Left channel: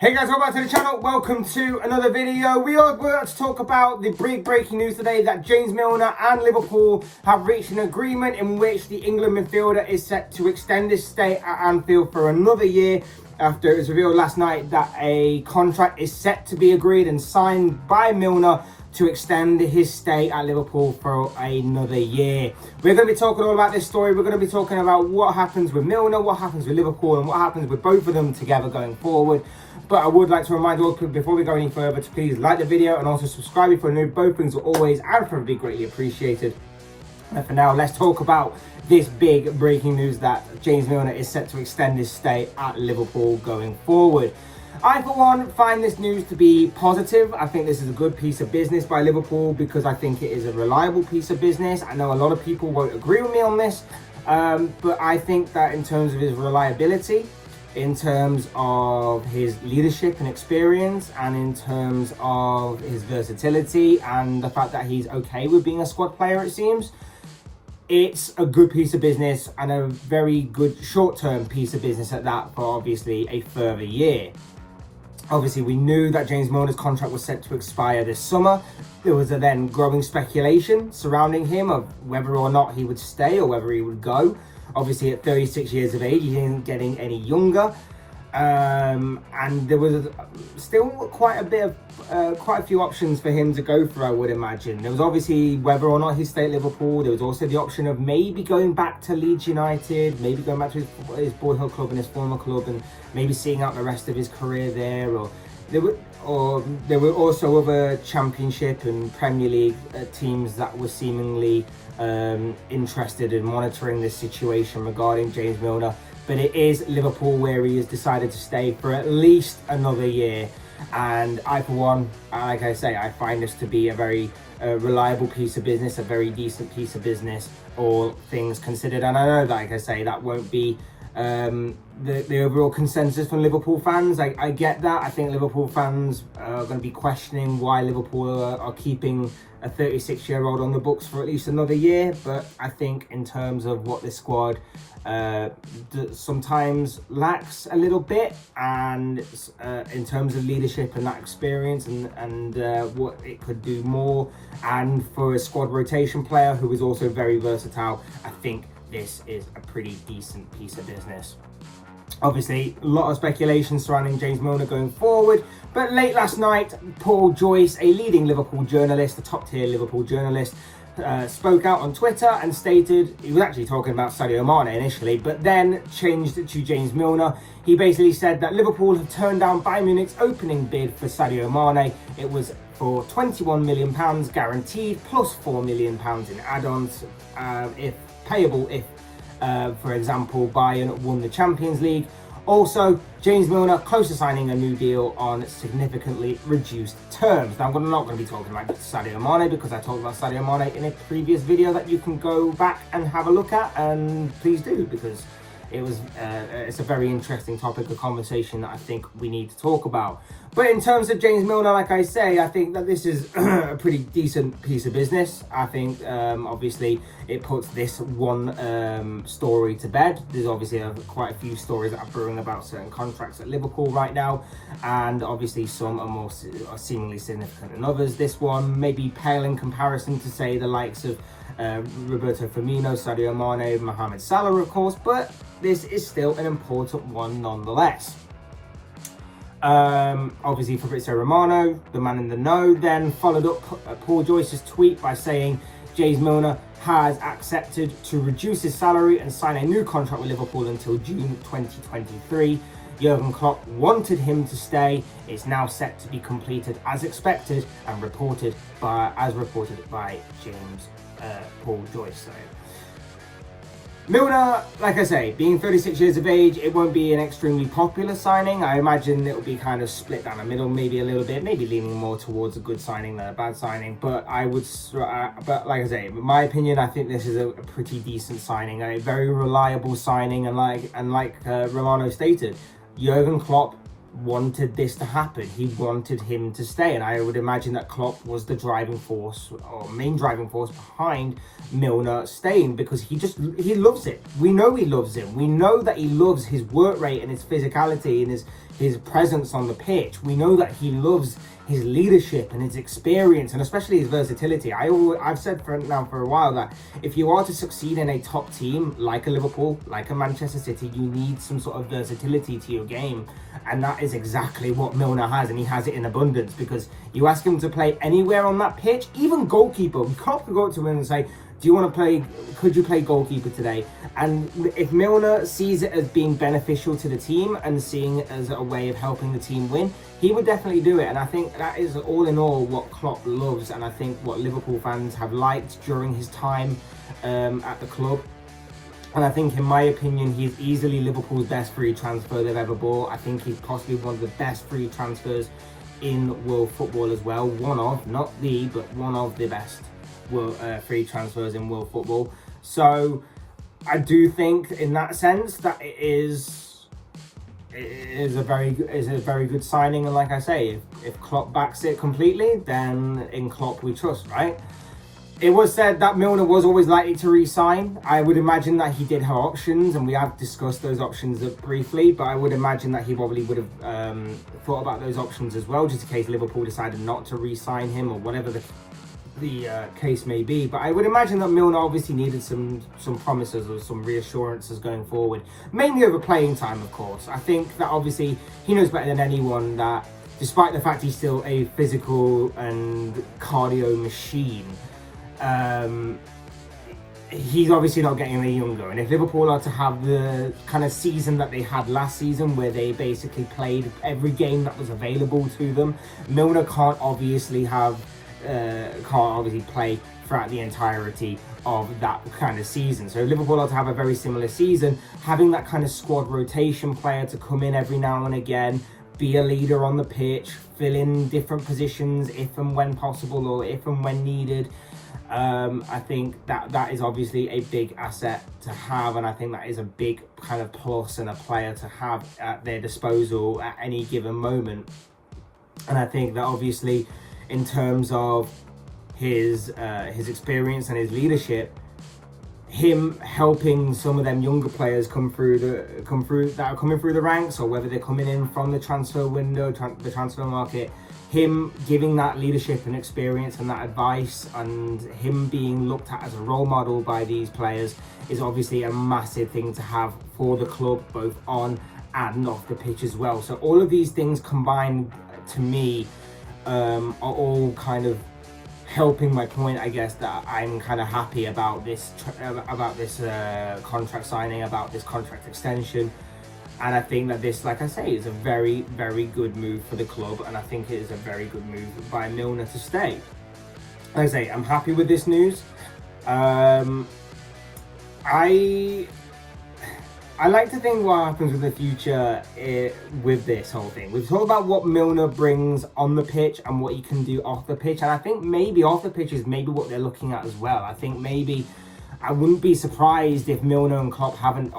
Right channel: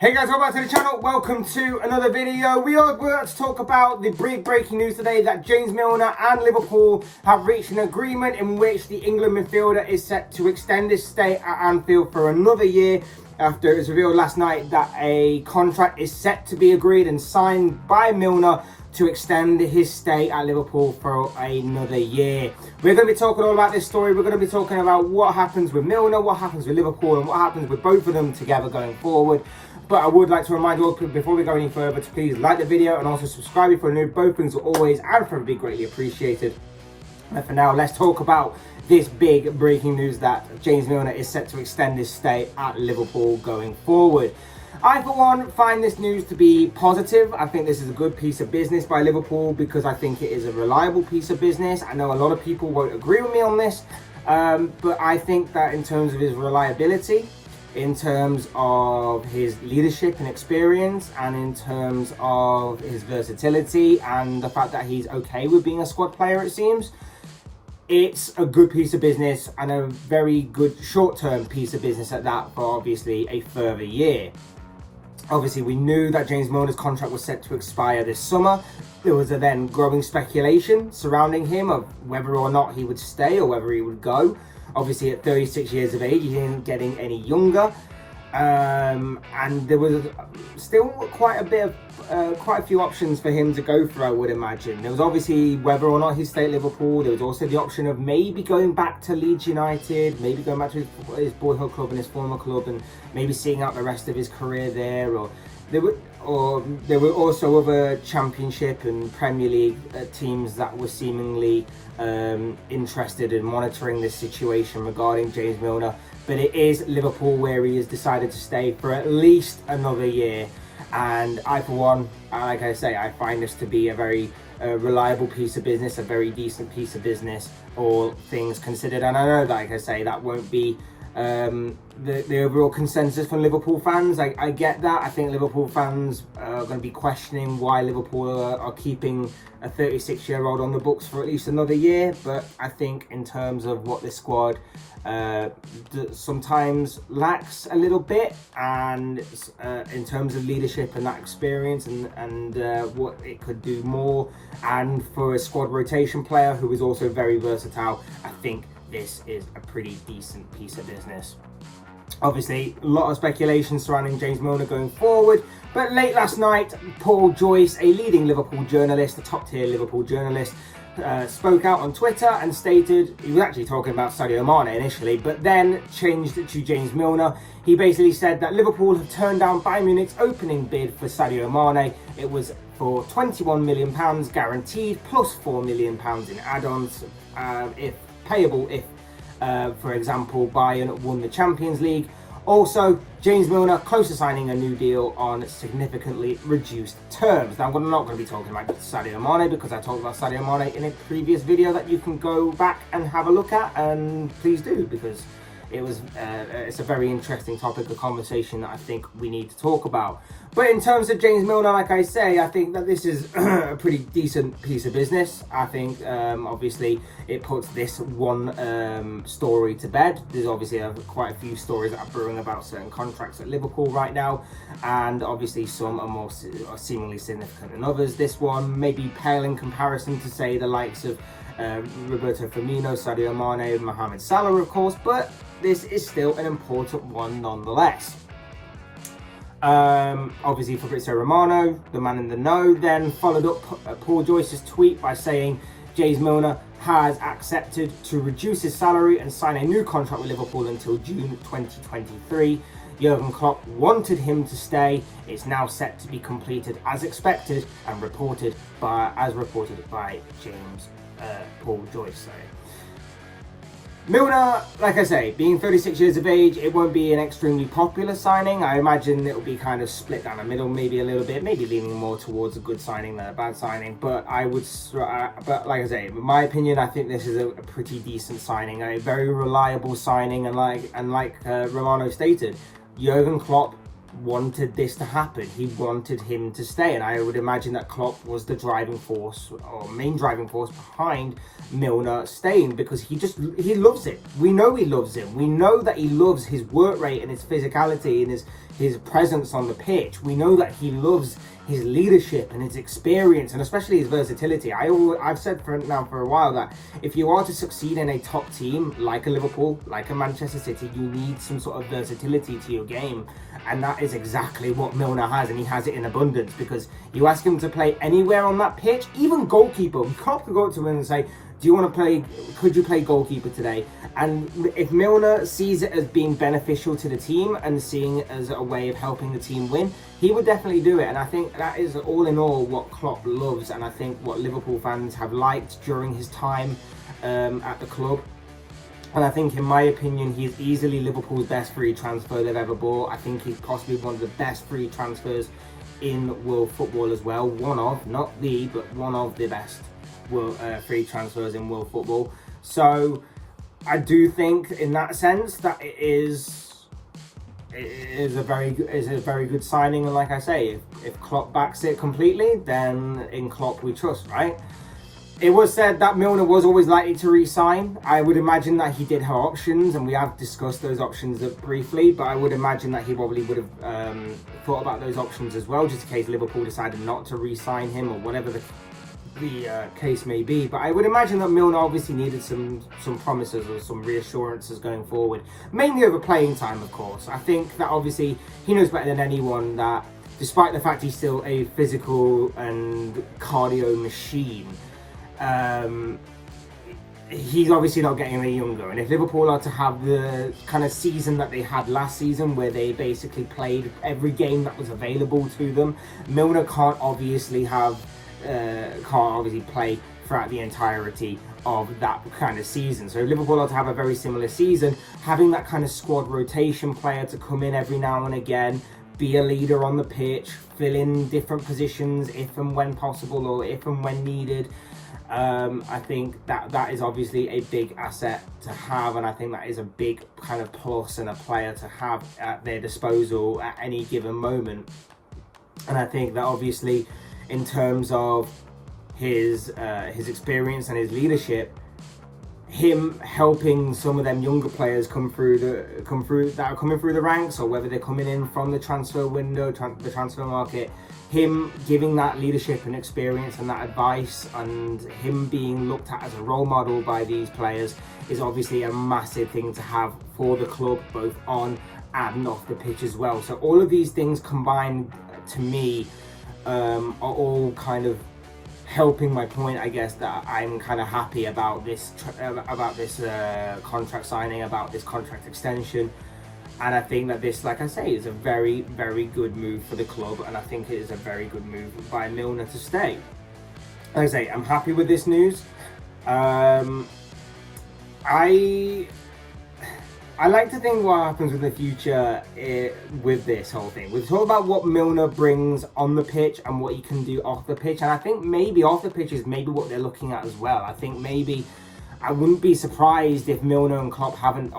Hey guys, welcome back to the channel. Welcome to another video. We're going to talk about the big breaking news today that James Milner and Liverpool have reached an agreement in which the England midfielder is set to extend his stay at Anfield for another year after it was revealed last night that a contract is set to be agreed and signed by Milner to extend his stay at Liverpool for another year. We're going to be talking all about this story. We're going to be talking about what happens with Milner, what happens with Liverpool, and what happens with both of them together going forward. But I would like to remind you all, before we go any further, to please like the video and also subscribe if you're new. Both things are always and forever be greatly appreciated. And for now, let's talk about this big breaking news that James Milner is set to extend his stay at Liverpool going forward. I, for one, find this news to be positive. I think this is a good piece of business by Liverpool because I think it is a reliable piece of business. I know a lot of people won't agree with me on this, but I think that in terms of his reliability, in terms of his leadership and experience, and in terms of his versatility and the fact that he's okay with being a squad player, it seems, it's a good piece of business and a very good short-term piece of business at that for obviously a further year. Obviously, we knew that James Milner's contract was set to expire this summer. There was a then growing speculation surrounding him of whether or not he would stay or whether he would go. Obviously, at 36 years of age, he isn't getting any younger, and there was still quite a few options for him to go for, I would imagine. There was obviously whether or not he'd stay at Liverpool. There was also the option of maybe going back to Leeds United, maybe going back to his boyhood club and his former club, and maybe seeing out the rest of his career there. Or there were also other Championship and Premier League teams that were seemingly interested in monitoring this situation regarding James Milner. But it is Liverpool where he has decided to stay for at least another year. And I, for one, like I say, I find this to be a very reliable piece of business, a very decent piece of business, all things considered. And I know that, like I say, that won't be the overall consensus from Liverpool fans. I get that. I think Liverpool fans are going to be questioning why Liverpool are keeping a 36-year-old on the books for at least another year. But I think in terms of what this squad sometimes lacks a little bit, and in terms of leadership and that experience and what it could do more, and for a squad rotation player who is also very versatile, I think this is a pretty decent piece of business. Obviously, a lot of speculation surrounding James Milner going forward, but late last night, Joyce, a leading Liverpool journalist, a top-tier Liverpool journalist, spoke out on Twitter and stated, he was actually talking about Sadio Mane initially, but then changed it to James Milner. He basically said that Liverpool have turned down Bayern Munich's opening bid for Sadio Mane. It was for £21 million guaranteed, plus £4 million in add-ons, if payable if, for example, Bayern won the Champions League. Also, James Milner close to signing a new deal on significantly reduced terms. Now, I'm not going to be talking about Sadio Mane because I talked about Sadio Mane in a previous video that you can go back and have a look at, and please do, because it's a very interesting topic of conversation that I think we need to talk about. But in terms of James Milner, like I say, I think that this is a pretty decent piece of business. I think obviously it puts this one story to bed. There's obviously quite a few stories that are brewing about certain contracts at Liverpool right now, and obviously some are seemingly significant than others. This one may be pale in comparison to, say, the likes of Roberto Firmino, Sadio Mane, Mohamed Salah, of course, but this is still an important one nonetheless. Obviously, Fabrizio Romano, the man in the know, then followed up Paul Joyce's tweet by saying James Milner has accepted to reduce his salary and sign a new contract with Liverpool until June 2023. Jurgen Klopp wanted him to stay. It's now set to be completed as expected and as reported by James Paul Joyce. Milner, like I say, being 36 years of age, it won't be an extremely popular signing. I imagine it'll be kind of split down the middle, maybe a little bit, maybe leaning more towards a good signing than a bad signing. But but like I say, in my opinion, I think this is a pretty decent signing, a very reliable signing, and like Romano stated, Jurgen Klopp wanted this to happen. He wanted him to stay, and I would imagine that Klopp was the driving force or main driving force behind Milner staying, because he loves it. We know he loves him. We know that he loves his work rate and his physicality and his presence on the pitch. We know that he loves his leadership and his experience, and especially his versatility. I've said for a while that if you are to succeed in a top team like a Liverpool, like a Manchester City, you need some sort of versatility to your game. And that is exactly what Milner has, and he has it in abundance, because you ask him to play anywhere on that pitch, even goalkeeper. Klopp could go to him and say, do you want to play, could you play goalkeeper today? And if Milner sees it as being beneficial to the team and seeing it as a way of helping the team win, he would definitely do it. And I think that is all in all what Klopp loves, and I think what Liverpool fans have liked during his time at the club. And I think, in my opinion, he is easily Liverpool's best free transfer they've ever bought. I think he's possibly one of the best free transfers in world football as well. One of, not the, but one of the best free transfers in world football. So I do think, in that sense, that it is a very good signing. And like I say, if Klopp backs it completely, then in Klopp we trust, right? It was said that Milner was always likely to re-sign. I would imagine that he did have options, and we have discussed those options briefly, but I would imagine that he probably would have thought about those options as well, just in case Liverpool decided not to re-sign him, or whatever the case may be. But I would imagine that Milner obviously needed some promises or some reassurances going forward, mainly over playing time, of course. I think that obviously he knows better than anyone that, despite the fact he's still a physical and cardio machine, he's obviously not getting any younger. And if Liverpool are to have the kind of season that they had last season, where they basically played every game that was available to them, Milner can't obviously play throughout the entirety of that kind of season. So Liverpool are to have a very similar season, having that kind of squad rotation player to come in every now and again, be a leader on the pitch, fill in different positions if and when possible, or if and when needed. I think that is obviously a big asset to have, and I think that is a big kind of plus and a player to have at their disposal at any given moment. And I think that obviously, in terms of his experience and his leadership, him helping some of them younger players that are coming through the ranks, or whether they're coming in from the transfer window, the transfer market, him giving that leadership and experience and that advice, and him being looked at as a role model by these players, is obviously a massive thing to have for the club, both on and off the pitch as well. So all of these things combined, to me, are all kind of helping my point, I guess, that I'm kind of happy about this contract signing, about this contract extension. And I think that this, like I say, is a very, very good move for the club, and I think it is a very good move by Milner to stay. Like I say, I'm happy with this news. I like to think what happens in the future with this whole thing. We've talked about what Milner brings on the pitch and what he can do off the pitch, and I think maybe off the pitch is maybe what they're looking at as well. I think maybe I wouldn't be surprised if Milner and Klopp haven't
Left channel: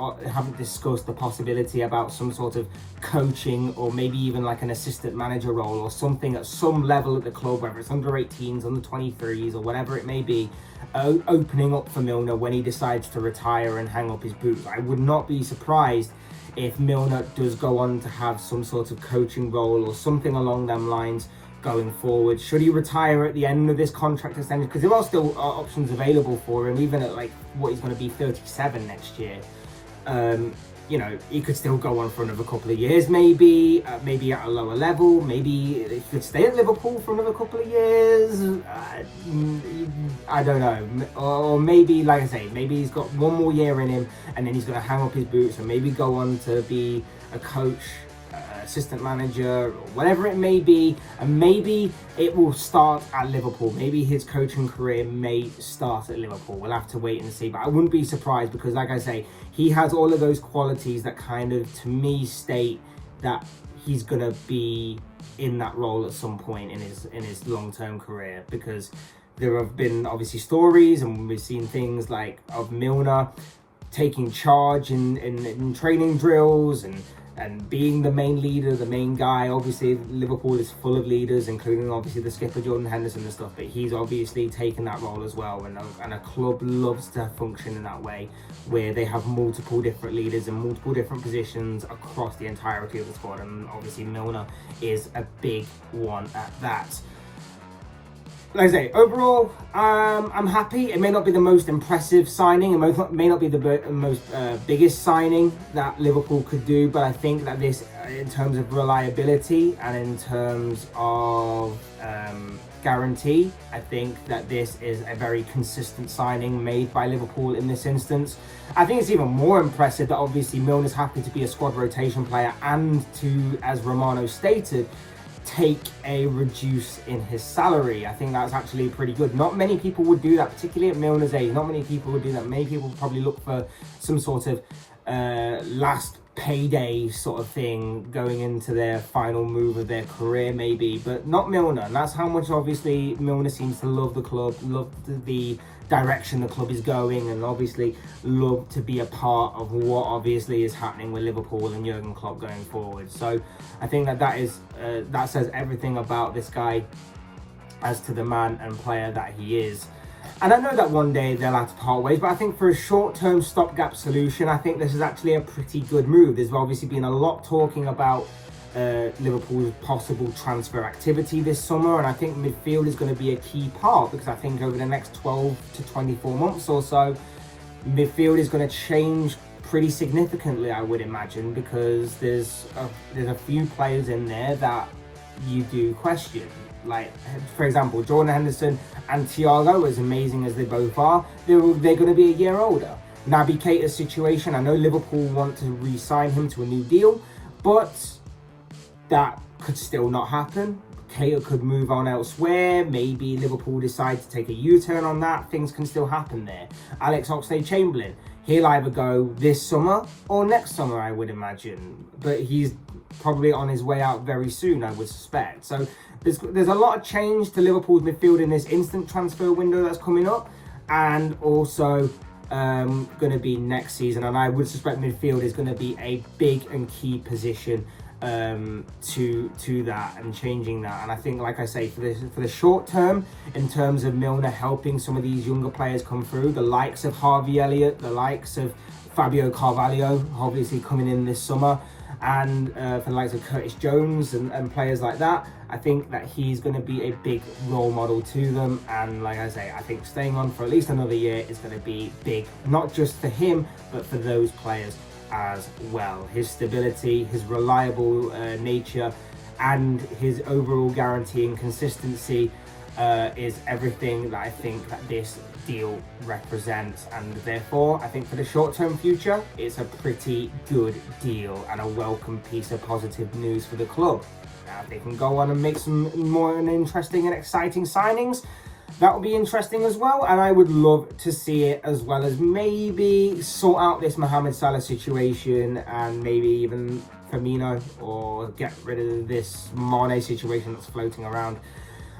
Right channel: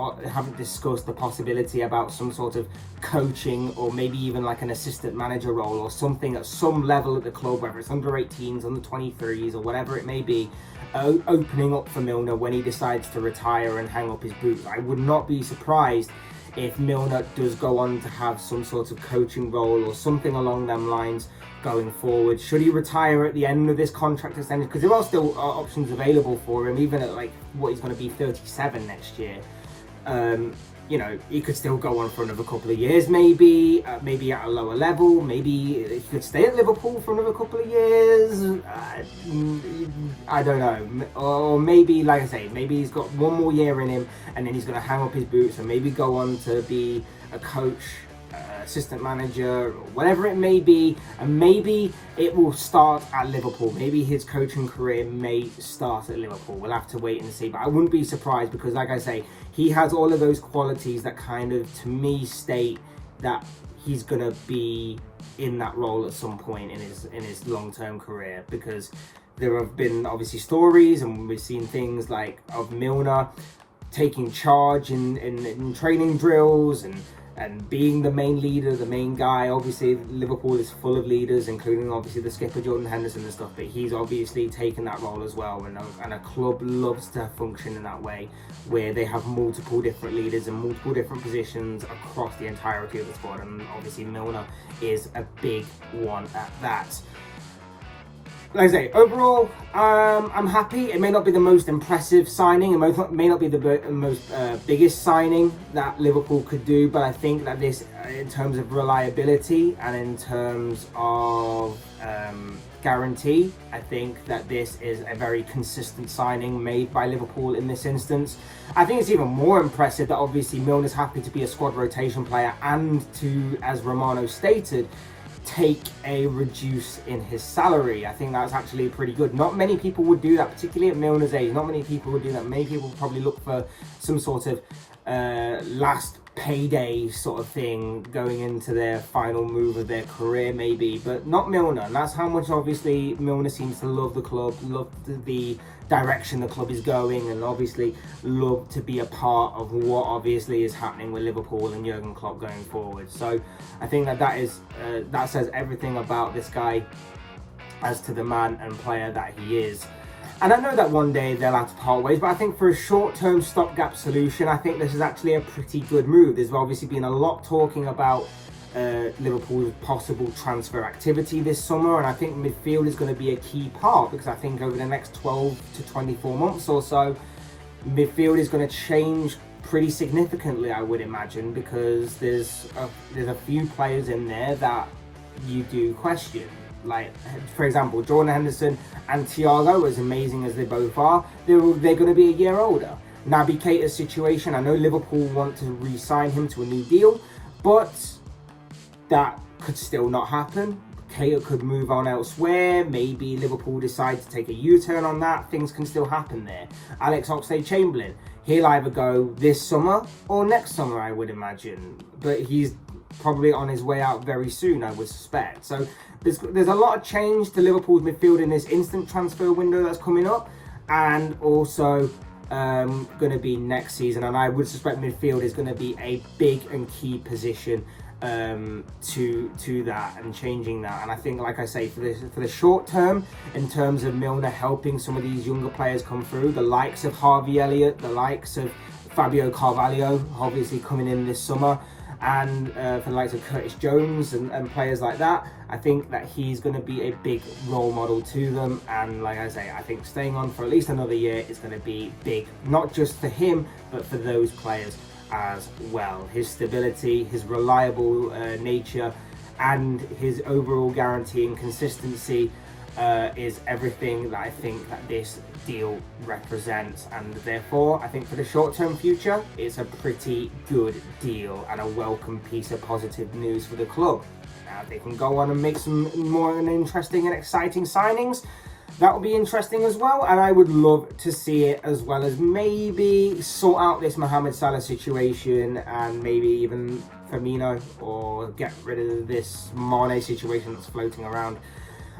discussed the possibility about some sort of coaching, or maybe even like an assistant manager role or something at some level at the club, whether it's under 18s, under 23s, or whatever it may be, opening up for Milner when he decides to retire and hang up his boots. I would not be surprised if Milner does go on to have some sort of coaching role or something along them lines going forward. Should he retire at the end of this contract extension, because there are still options available for him, even at like what he's going to be 37 next year. You know, he could still go on for another couple of years, maybe at a lower level. Maybe he could stay at Liverpool for another couple of years. I don't know. Or maybe, like I say, maybe he's got one more year in him, and then he's going to hang up his boots and maybe go on to be a coach, assistant manager, or whatever it may be. And maybe it will start at Liverpool. Maybe his coaching career may start at Liverpool. We'll have to wait and see. But I wouldn't be surprised, because, like I say, he has all of those qualities that kind of, to me, state that he's going to be in that role at some point in his long-term career. Because there have been obviously stories, and we've seen things like of Milner taking charge in training drills, and and being the main leader, the main guy. Obviously Liverpool is full of leaders, including obviously the skipper Jordan Henderson and stuff, but he's obviously taken that role as well, and a club loves to function in that way, where they have multiple different leaders and multiple different positions across the entirety of the squad, and obviously Milner is a big one at that. Like I say, overall, I'm happy. It may not be the most impressive signing, it may not be the most biggest signing that Liverpool could do, but I think that this, in terms of reliability and in terms of guarantee, I think that this is a very consistent signing made by Liverpool in this instance. I think it's even more impressive that obviously Milner's happy to be a squad rotation player and to, as Romano stated, take a reduce in his salary. I think that's actually pretty good. Not many people would do that, particularly at Milner's age. Not many people would do that. Many people would probably look for some sort of last payday sort of thing going into their final move of their career maybe, but not Milner. And that's how much obviously Milner seems to love the club, love the direction the club is going, and obviously love to be a part of what obviously is happening with Liverpool and Jurgen Klopp going forward. So I think that says everything about this guy as to the man and player that he is. And I know that one day they'll have to part ways, but I think for a short-term stopgap solution, I think this is actually a pretty good move. There's obviously been a lot talking about Liverpool's possible transfer activity this summer, and I think midfield is going to be a key part, because I think over the next 12 to 24 months or so, midfield is going to change pretty significantly, I would imagine, because there's a few players in there that you do question. Like, for example, Jordan Henderson and Thiago, as amazing as they both are, they're going to be a year older. Naby Keita's situation, I know Liverpool want to re-sign him to a new deal, but that could still not happen. Keita could move on elsewhere. Maybe Liverpool decide to take a U-turn on that. Things can still happen there. Alex Oxlade-Chamberlain, he'll either go this summer or next summer, I would imagine. But he's probably on his way out very soon, I would suspect. So there's a lot of change to Liverpool's midfield in this instant transfer window that's coming up, and also going to be next season. And I would suspect midfield is going to be a big and key position to that and changing that. And I think, like I say, for the short term, in terms of Milner helping some of these younger players come through, the likes of Harvey Elliott, the likes of Fabio Carvalho, obviously coming in this summer, and for the likes of Curtis Jones and players like that, I think that he's going to be a big role model to them. And like I say, I think staying on for at least another year is going to be big, not just for him, but for those players as well. His stability, his reliable nature, and his overall guarantee and consistency is everything that I think that this deal represents, and therefore I think for the short-term future it's a pretty good deal and a welcome piece of positive news for the club. Now, if they can go on and make some more interesting and exciting signings, that would be interesting as well, and I would love to see it, as well as maybe sort out this Mohamed Salah situation, and maybe even Firmino, or get rid of this Mane situation that's floating around.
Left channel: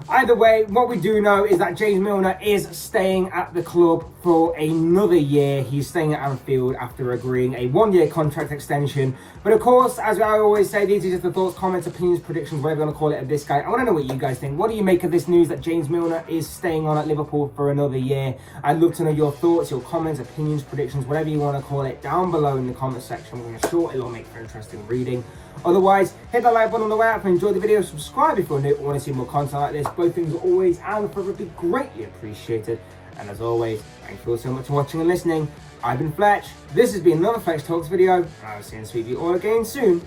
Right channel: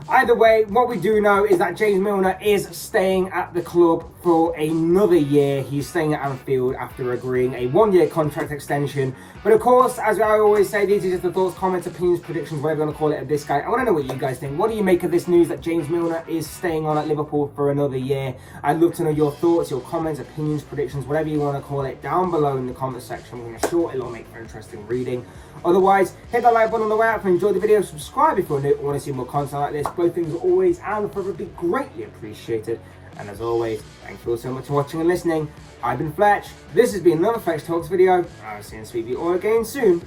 Either way, what we do know is that James Milner is staying at the club for another year. He's staying at Anfield after agreeing a one-year contract extension. But of course, as I always say, these are just the thoughts, comments, opinions, predictions, whatever you want to call it, of this guy. I want to know what you guys think. What do you make of this news that James Milner is staying on at Liverpool for another year? I'd love to know your thoughts, your comments, opinions, predictions, whatever you want to call it, down below in the comment section. We're going to short, it'll make for interesting reading. Otherwise, hit that like button on the way out if you enjoyed the video. Subscribe if you're new and want to see more content like this. Both things are always and forever be greatly appreciated. And as always, thank you all so much for watching and listening. I've been Fletch. This has been another Fletch Talks video. I'll see and speak to you all again soon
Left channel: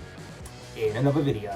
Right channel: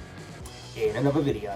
in another video.